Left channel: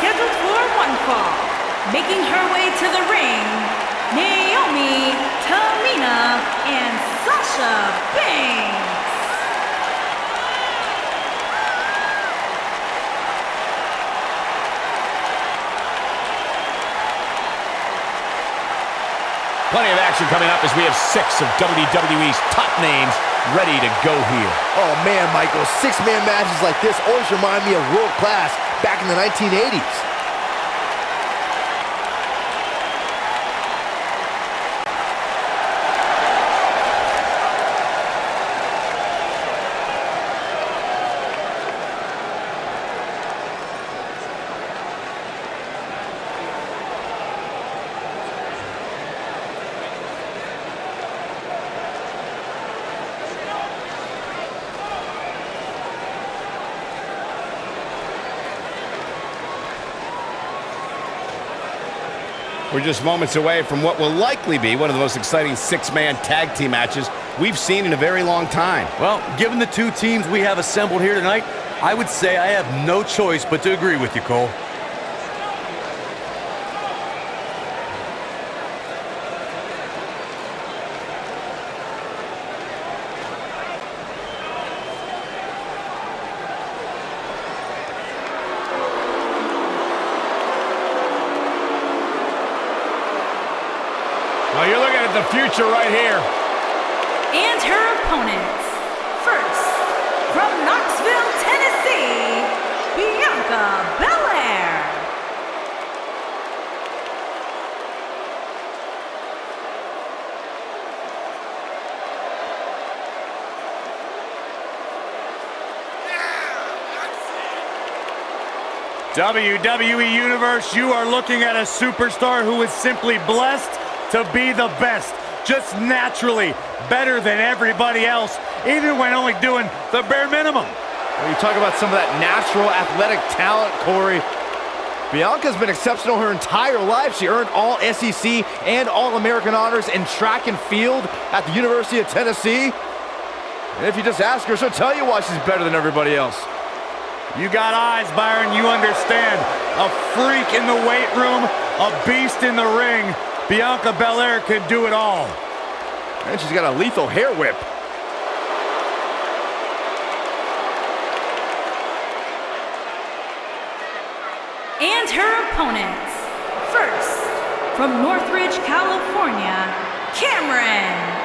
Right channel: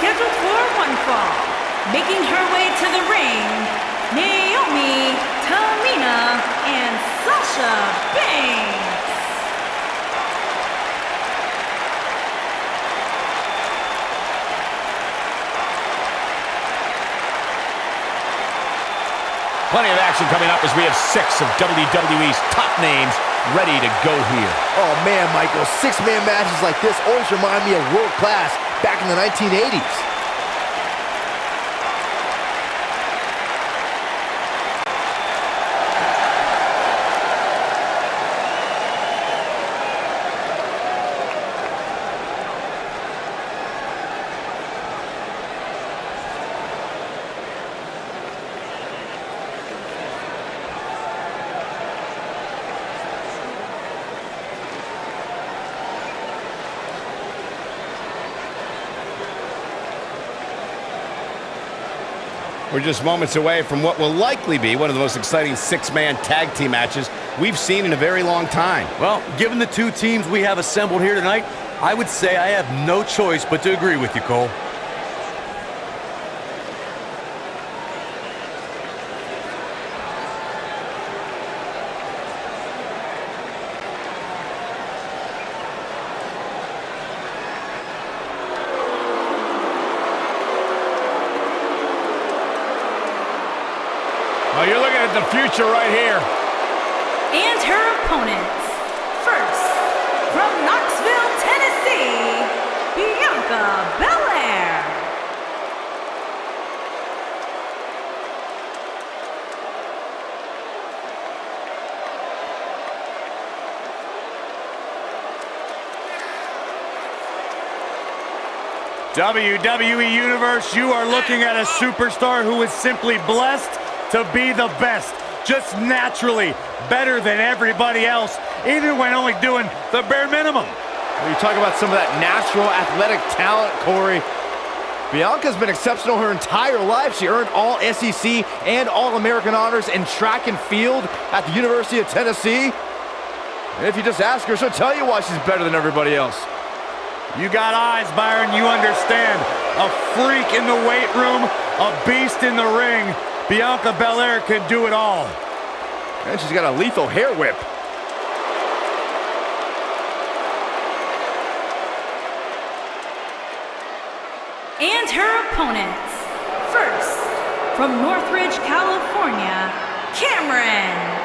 scheduled for one fall. Making her way to the ring, Naomi, Tamina, and Sasha Banks. Plenty of action coming up as we have 6 of WWE's top names ready to go here. Oh man, Michael, 6-man matches like this always remind me of world class back in the 1980s. We're just moments away from what will likely be one of the most exciting 6-man tag team matches we've seen in a very long time. Well, given the two teams we have assembled here tonight, I would say I have no choice but to agree with you, Cole. Oh, you're looking at the future right here. And her opponents. First, from Knoxville, Tennessee, Bianca BelAir. WWE Universe, you are looking at a superstar who is simply blessed to be the best, just naturally better than everybody else, even when only doing the bare minimum. When you talk about some of that natural athletic talent, Corey, Bianca's been exceptional her entire life. She earned all SEC and All-American honors in track and field at the University of Tennessee. And if you just ask her, she'll tell you why she's better than everybody else. You got eyes, Byron, you understand. A freak in the weight room, a beast in the ring. Bianca BelAir can do it all. And she's got a lethal hair whip. And her opponents. First, from Northridge, California, Cameron.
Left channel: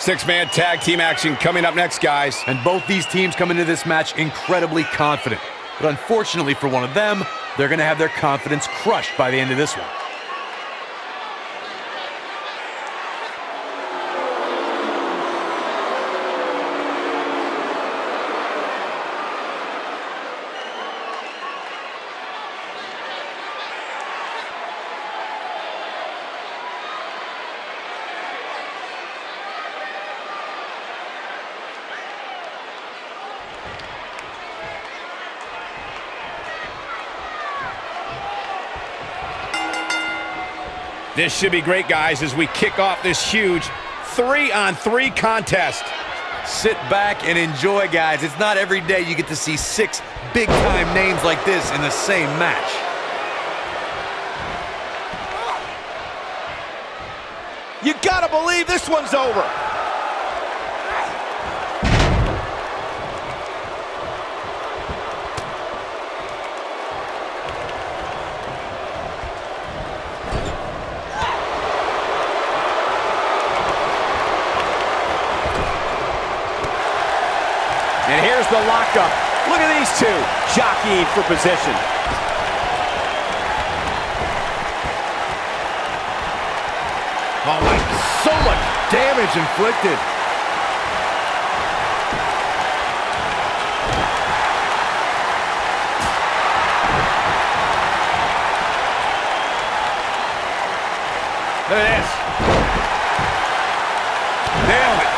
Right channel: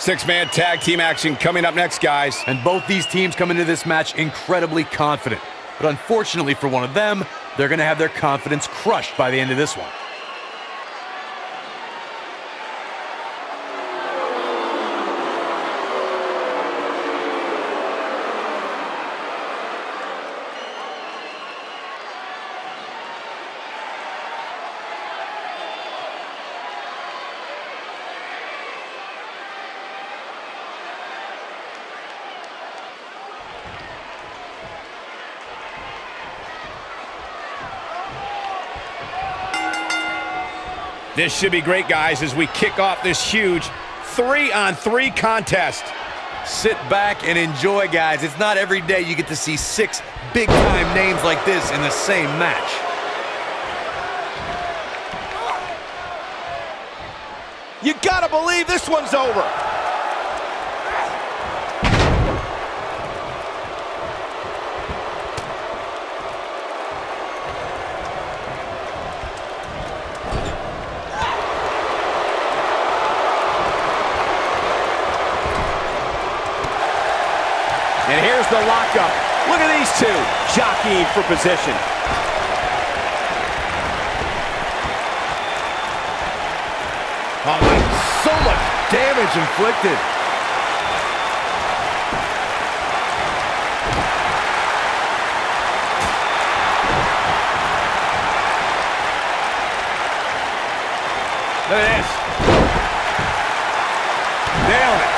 Six-man tag team action coming up next, guys. And both these teams come into this match incredibly confident. But unfortunately for one of them, they're going to have their confidence crushed by the end of this one. This should be great, guys, as we kick off this huge 3-on-3 contest. Sit back and enjoy, guys. It's not every day you get to see 6 big-time names like this in the same match. You gotta believe this one's over. And here's the lockup. Look at these two jockeying for position. Oh, my, so much damage inflicted. Look at this. Nailed it.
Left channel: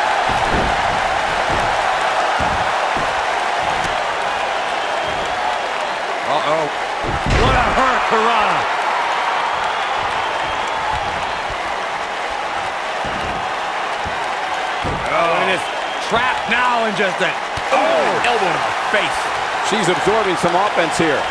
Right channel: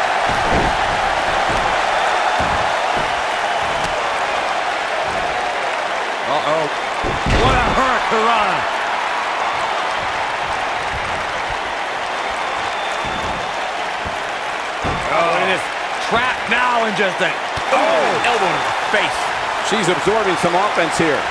Uh-oh. What a hurricanrana. Oh, and it's trapped now and just an elbow to the face. She's absorbing some offense here.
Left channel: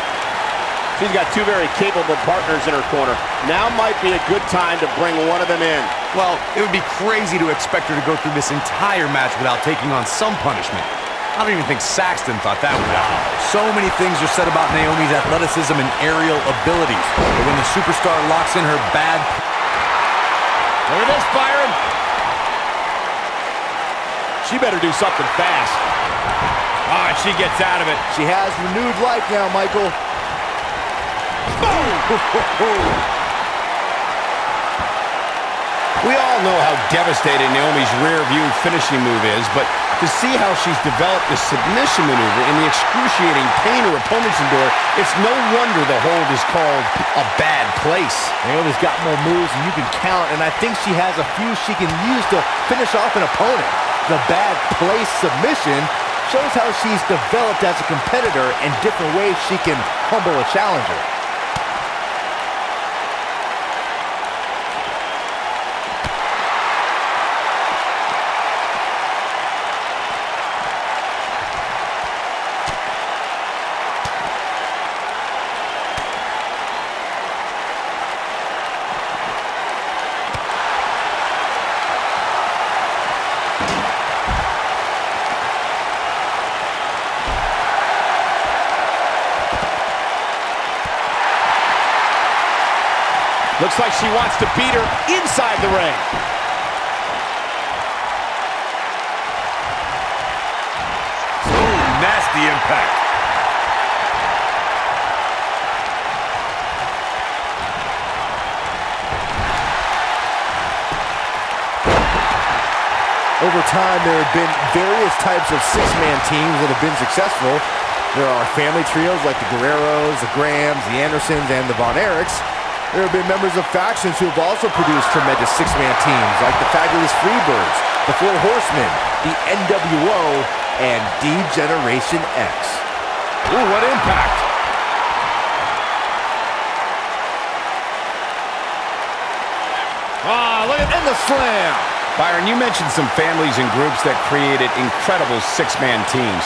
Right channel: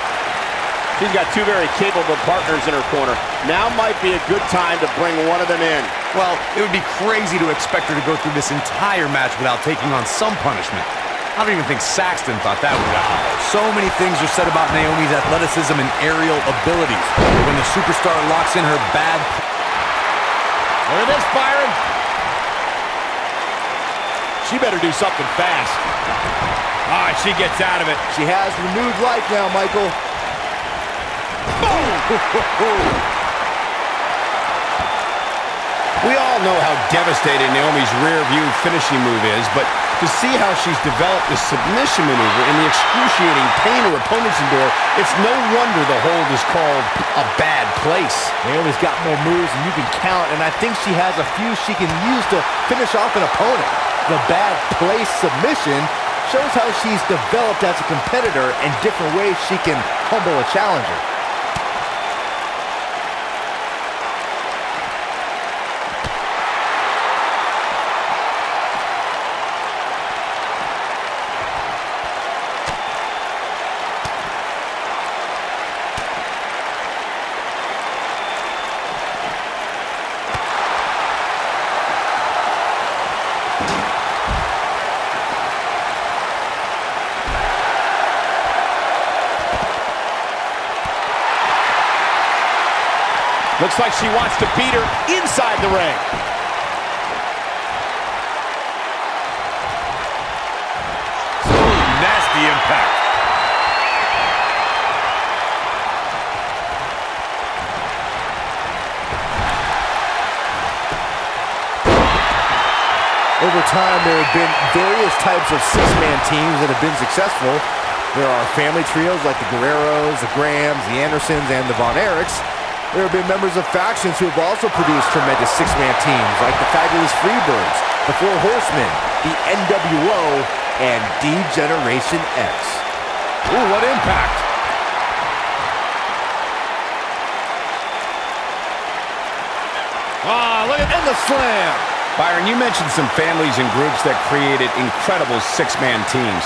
She's got two very capable partners in her corner. Now might be a good time to bring one of them in. Well, it would be crazy to expect her to go through this entire match without taking on some punishment. I don't even think Saxton thought that would happen. So many things are said about Naomi's athleticism and aerial abilities. But when the superstar locks in her bad... Look at this, Byron. She better do something fast. All right, she gets out of it. She has renewed life now, Michael. We all know how devastating Naomi's rear view finishing move is, but to see how she's developed this submission maneuver and the excruciating pain her opponents endure, it's no wonder the hold is called a bad place. Naomi's got more moves than you can count, and I think she has a few she can use to finish off an opponent. The bad place submission shows how she's developed as a competitor and different ways she can humble a challenger. Looks like she wants to beat her inside the ring. Oh, nasty impact. Over time, there have been various types of six-man teams that have been successful. There are family trios like the Guerreros, the Grahams, the Andersons, and the Von Erichs. There have been members of factions who have also produced tremendous six-man teams like the Fabulous Freebirds, the Four Horsemen, the NWO, and D-Generation X. Ooh, what impact! Ah, look at the slam! Byron, you mentioned some families and groups that created incredible six-man teams.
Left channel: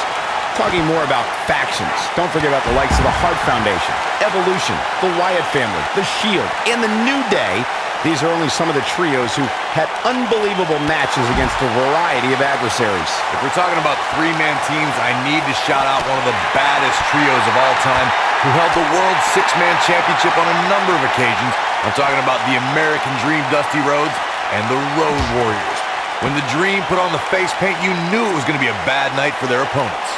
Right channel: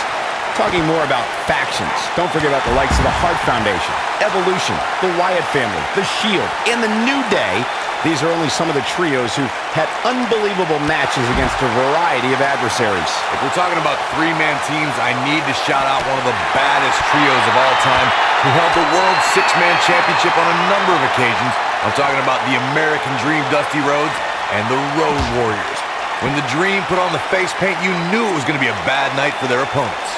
Talking more about factions, don't forget about the likes of the Hart Foundation, Evolution, the Wyatt family, the Shield, and the New Day. These are only some of the trios who had unbelievable matches against a variety of adversaries. If we're talking about three-man teams, I need to shout out one of the baddest trios of all time who held the World Six-Man Championship on a number of occasions. I'm talking about the American Dream Dusty Rhodes and the Road Warriors. When the Dream put on the face paint, you knew it was going to be a bad night for their opponents.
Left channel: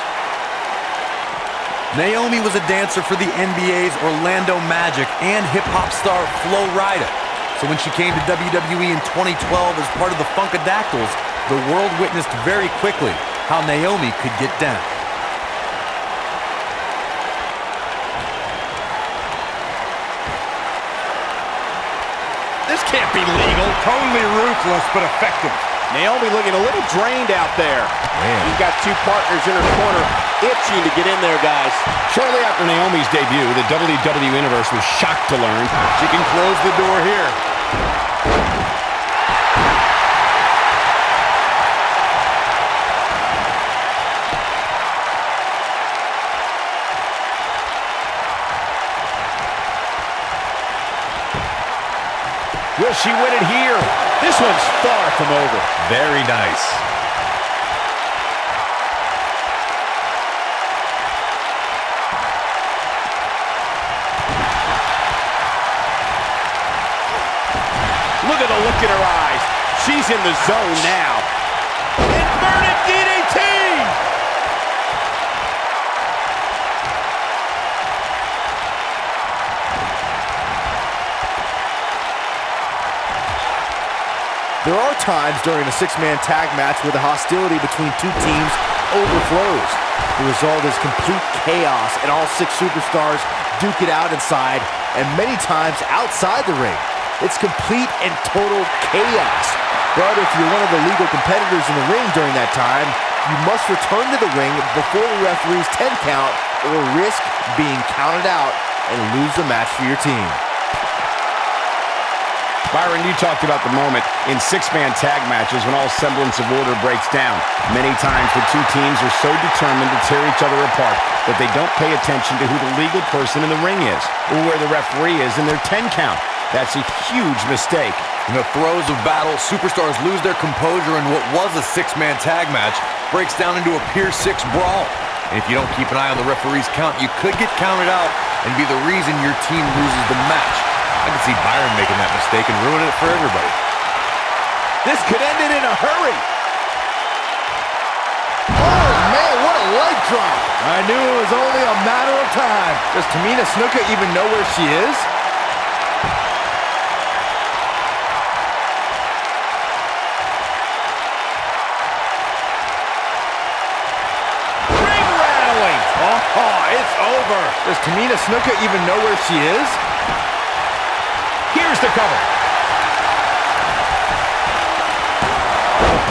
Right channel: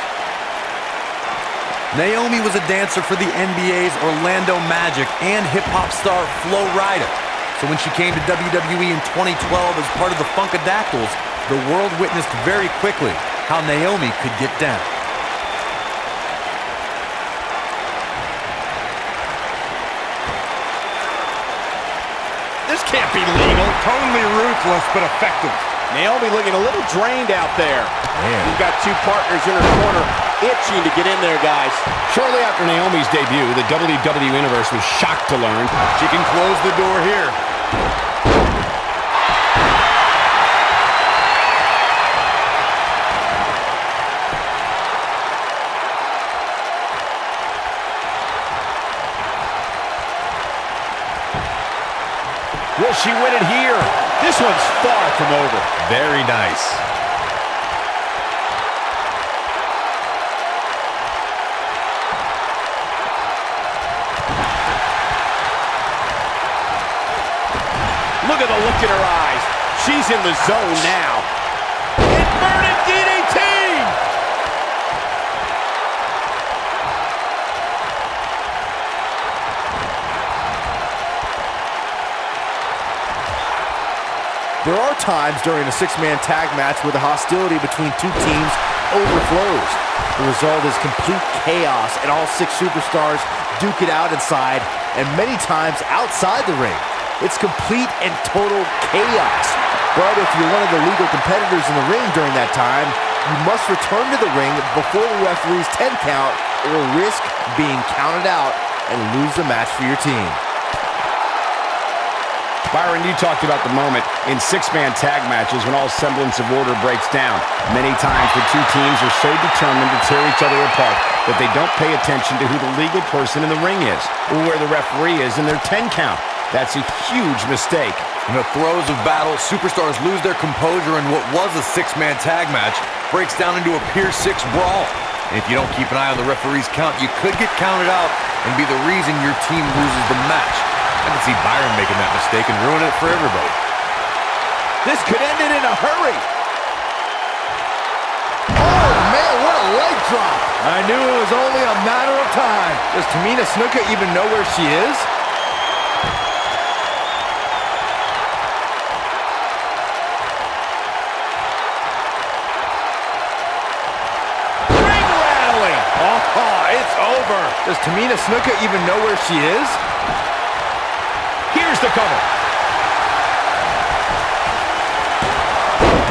Naomi was a dancer for the NBA's Orlando Magic and hip-hop star Flo Rida. So when she came to WWE in 2012 as part of the Funkadactyls, the world witnessed very quickly how Naomi could get down. This can't be legal. Totally ruthless, but effective. Naomi looking a little drained out there. Man. She's got two partners in her corner itching to get in there, guys. Shortly after Naomi's debut, the WWE Universe was shocked to learn She can close the door here. Will she win it here? This one's far from over. Very nice. Look at the look in her eyes. She's in the zone now. Inverted DDT! There are times during a six-man tag match where the hostility between two teams overflows. The result is complete chaos, and all six superstars duke it out inside, and many times outside the ring. It's complete and total chaos. But if you're one of the legal competitors in the ring during that time, you must return to the ring before the referee's 10 count or risk being counted out and lose the match for your team. Byron, you talked about the moment in six-man tag matches when all semblance of order breaks down. Many times the two teams are so determined to tear each other apart that they don't pay attention to who the legal person in the ring is or where the referee is in their 10 count. That's a huge mistake. In the throes of battle, superstars lose their composure, and what was a six-man tag match breaks down into a Pier 6 brawl. And if you don't keep an eye on the referee's count, you could get counted out and be the reason your team loses the match. I can see Byron making that mistake and ruining it for everybody. This could end it in a hurry. Oh, man, what a leg drop. I knew it was only a matter of time. Does Tamina Snuka even know where she is? Ring rattling. Oh, it's over. Does Tamina Snuka even know where she is? Here's the cover.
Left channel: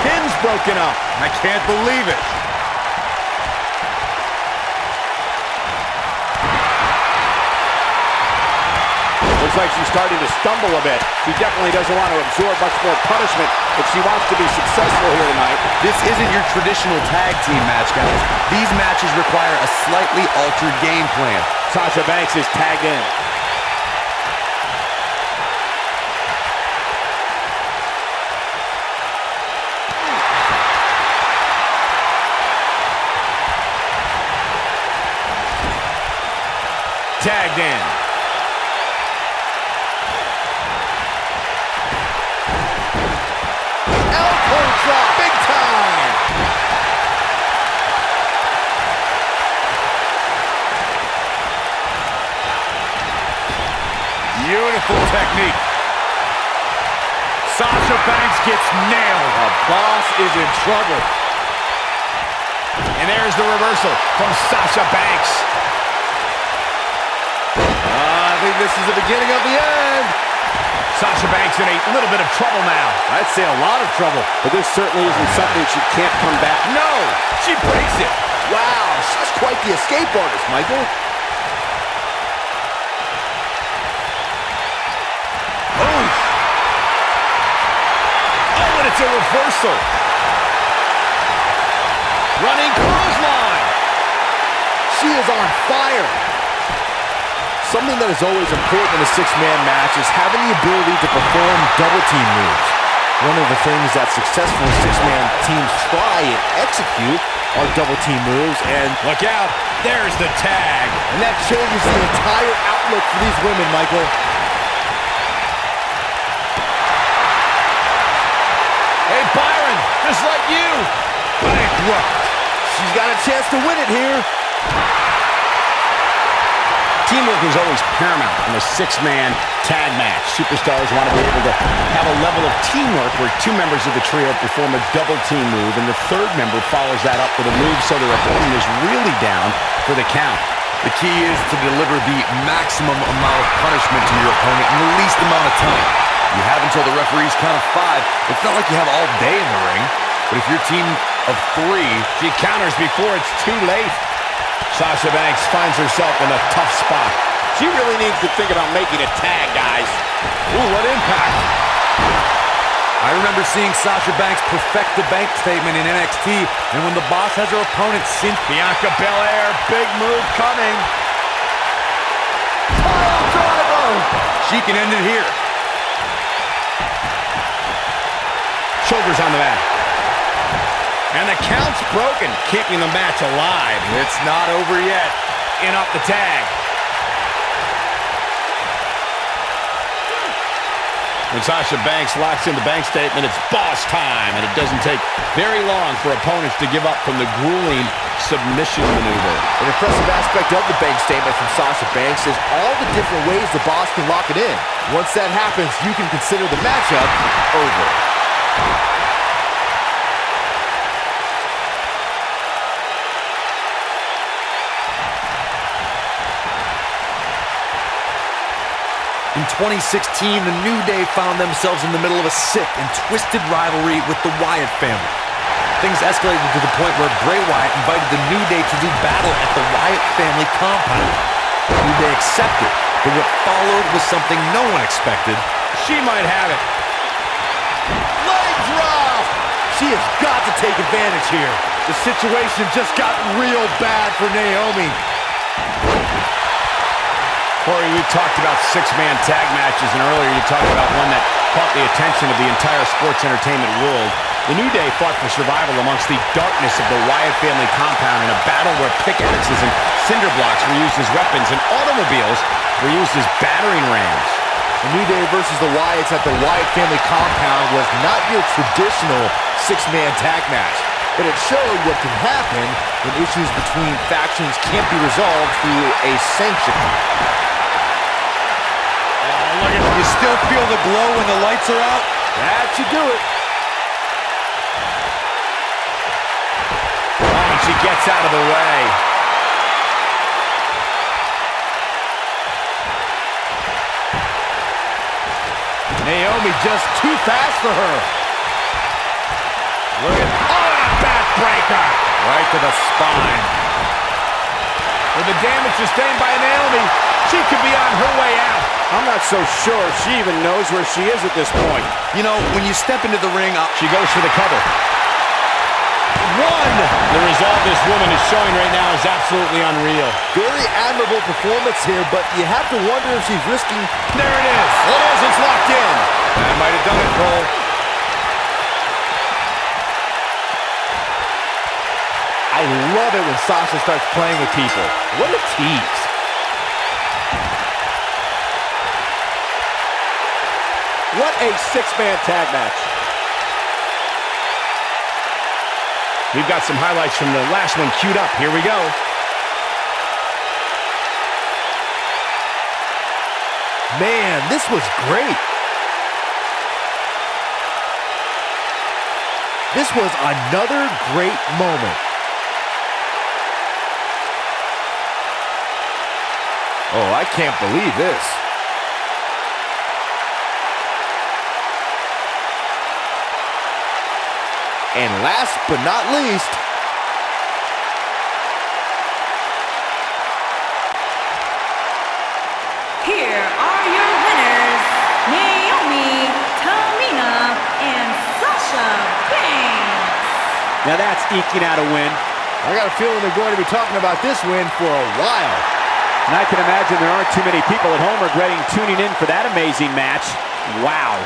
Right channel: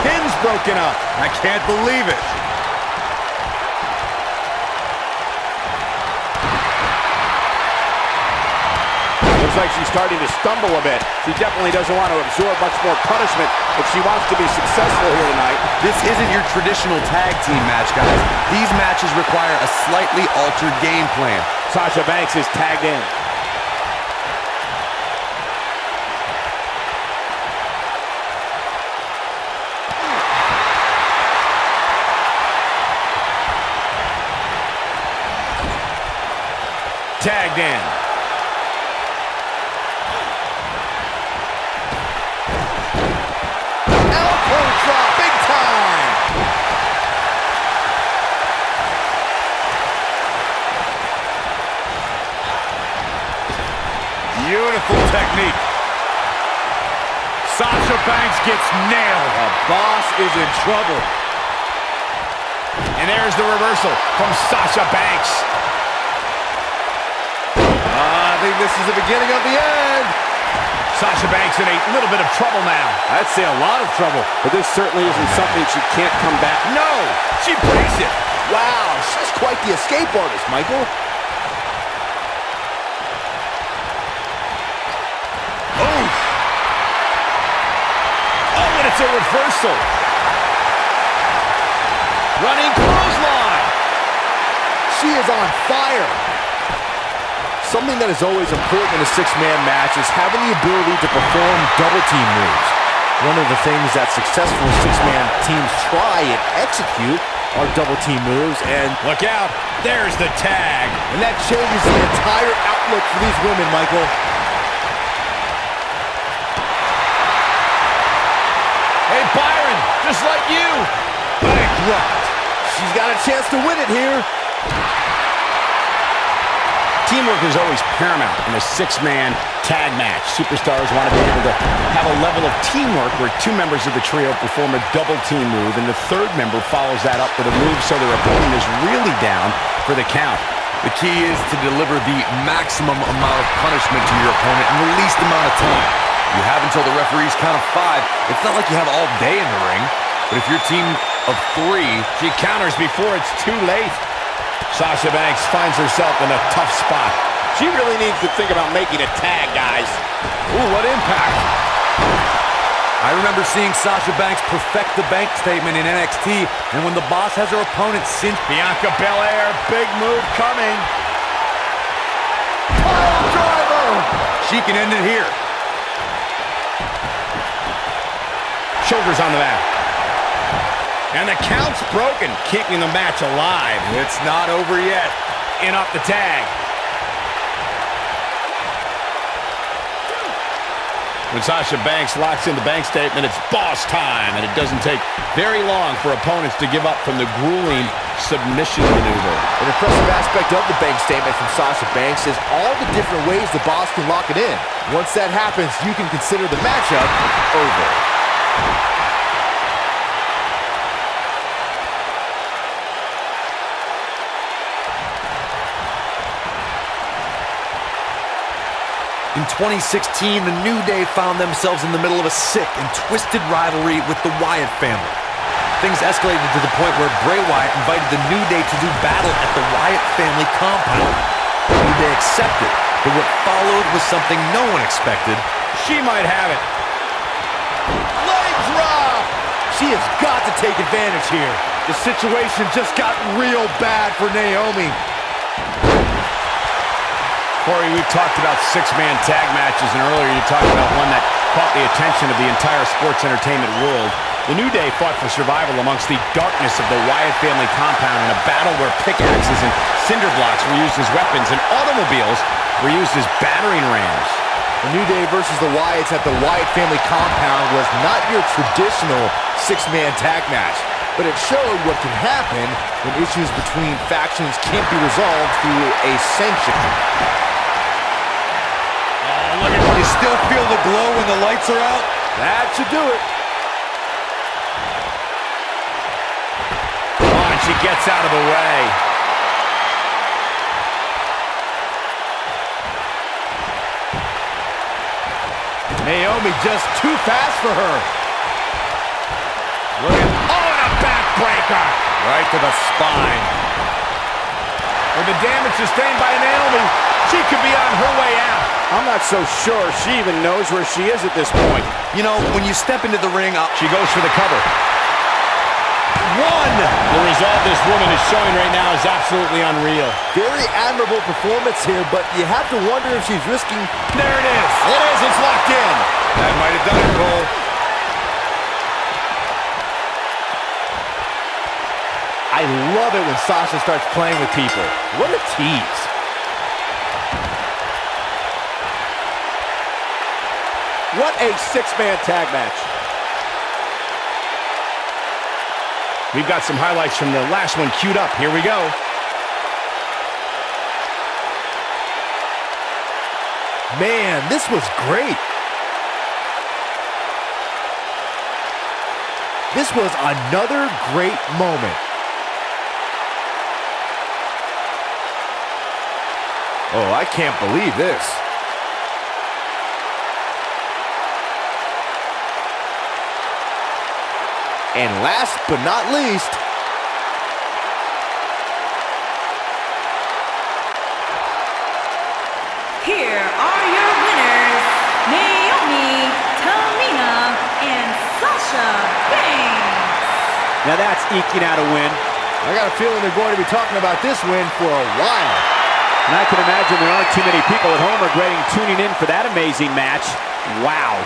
Pin's broken up. I can't believe it. Looks like she's starting to stumble a bit. She definitely doesn't want to absorb much more punishment if she wants to be successful here tonight. This isn't your traditional tag team match, guys. These matches require a slightly altered game plan. Sasha Banks is tagged in. Tagged in. Elbow drop, big time. Beautiful technique. Sasha Banks gets nailed. The boss is in trouble. And there's the reversal from Sasha Banks. I think this is the beginning of the end. Sasha Banks in a little bit of trouble now. I'd say a lot of trouble. But this certainly isn't something she can't come back. No! She breaks it. Wow, she's quite the escape artist, Michael. Oof. Oh, and it's a reversal. Running clothesline. She is on fire. Something that is always important in a six-man match is having the ability to perform double team moves. One of the things that successful six-man teams try and execute are double team moves, and Look out, there's the tag. and that changes the entire outlook for these women, Michael. Hey, Byron, just like you. Bankrupt. She's got a chance to win it here. Teamwork is always paramount in a six-man tag match. Superstars want to be able to have a level of teamwork where two members of the trio perform a double team move, and the third member follows that up with a move so their opponent is really down for the count. The key is to deliver the maximum amount of punishment to your opponent in the least amount of time. You have until the referee's count of 5. It's not like you have all day in the ring, but if your team of 3... She counters before it's too late. Sasha Banks finds herself in a tough spot. She really needs to think about making a tag, guys. Ooh, what impact. I remember seeing Sasha Banks perfect the bank statement in NXT, and when the boss has her opponent cinch... Bianca BelAir, big move coming. Pile driver. She can end it here. Shoulders on the mat. And the count's broken, keeping the match alive. It's not over yet. In off the tag. When Sasha Banks locks in the bank statement, it's boss time, and it doesn't take very long for opponents to give up from the grueling submission maneuver. An impressive aspect of the bank statement from Sasha Banks is all the different ways the boss can lock it in. Once that happens, you can consider the matchup over. In 2016, the New Day found themselves in the middle of a sick and twisted rivalry with the Wyatt family. Things escalated to the point where Bray Wyatt invited the New Day to do battle at the Wyatt family compound. They accepted, but what followed was something no one expected. She might have it. Leg drop! She has got to take advantage here. The situation just got real bad for Naomi. Corey, we've talked about six-man tag matches, and earlier you talked about one that caught the attention of the entire sports entertainment world. The New Day fought for survival amongst the darkness of the Wyatt family compound in a battle where pickaxes and cinder blocks were used as weapons and automobiles were used as battering rams. The New Day versus the Wyatts at the Wyatt family compound was not your traditional six-man tag match, but it showed what can happen when issues between factions can't be resolved through a sanction. Oh, look at you. Still feel the glow when the lights are out? That should do it. Oh, and she gets out of the way. Naomi just too fast for her. Look at, oh, and a backbreaker. Right to the spine. With the damage sustained by Naomi, she could be on her way out. I'm not so sure she even knows where she is at this point. You know, when you step into the ring, She goes for the cover. One! The resolve this woman is showing right now is absolutely unreal. Very admirable performance here, but you have to wonder if she's risking... There it is. It is. It's locked in. that might have done it, Cole. I love it when Sasha starts playing with people. What a tease. What a six-man tag match. We've got some highlights from the last one queued up. Here we go. Man, this was great. This was another great moment. Oh, I can't believe this. And last but not least, Here are your winners, Naomi, Tamina, and Sasha Banks. Now that's eking out a win. I got a feeling they're going to be talking about this win for a while. And I can imagine there aren't too many people at home regretting tuning in for that amazing match. Wow.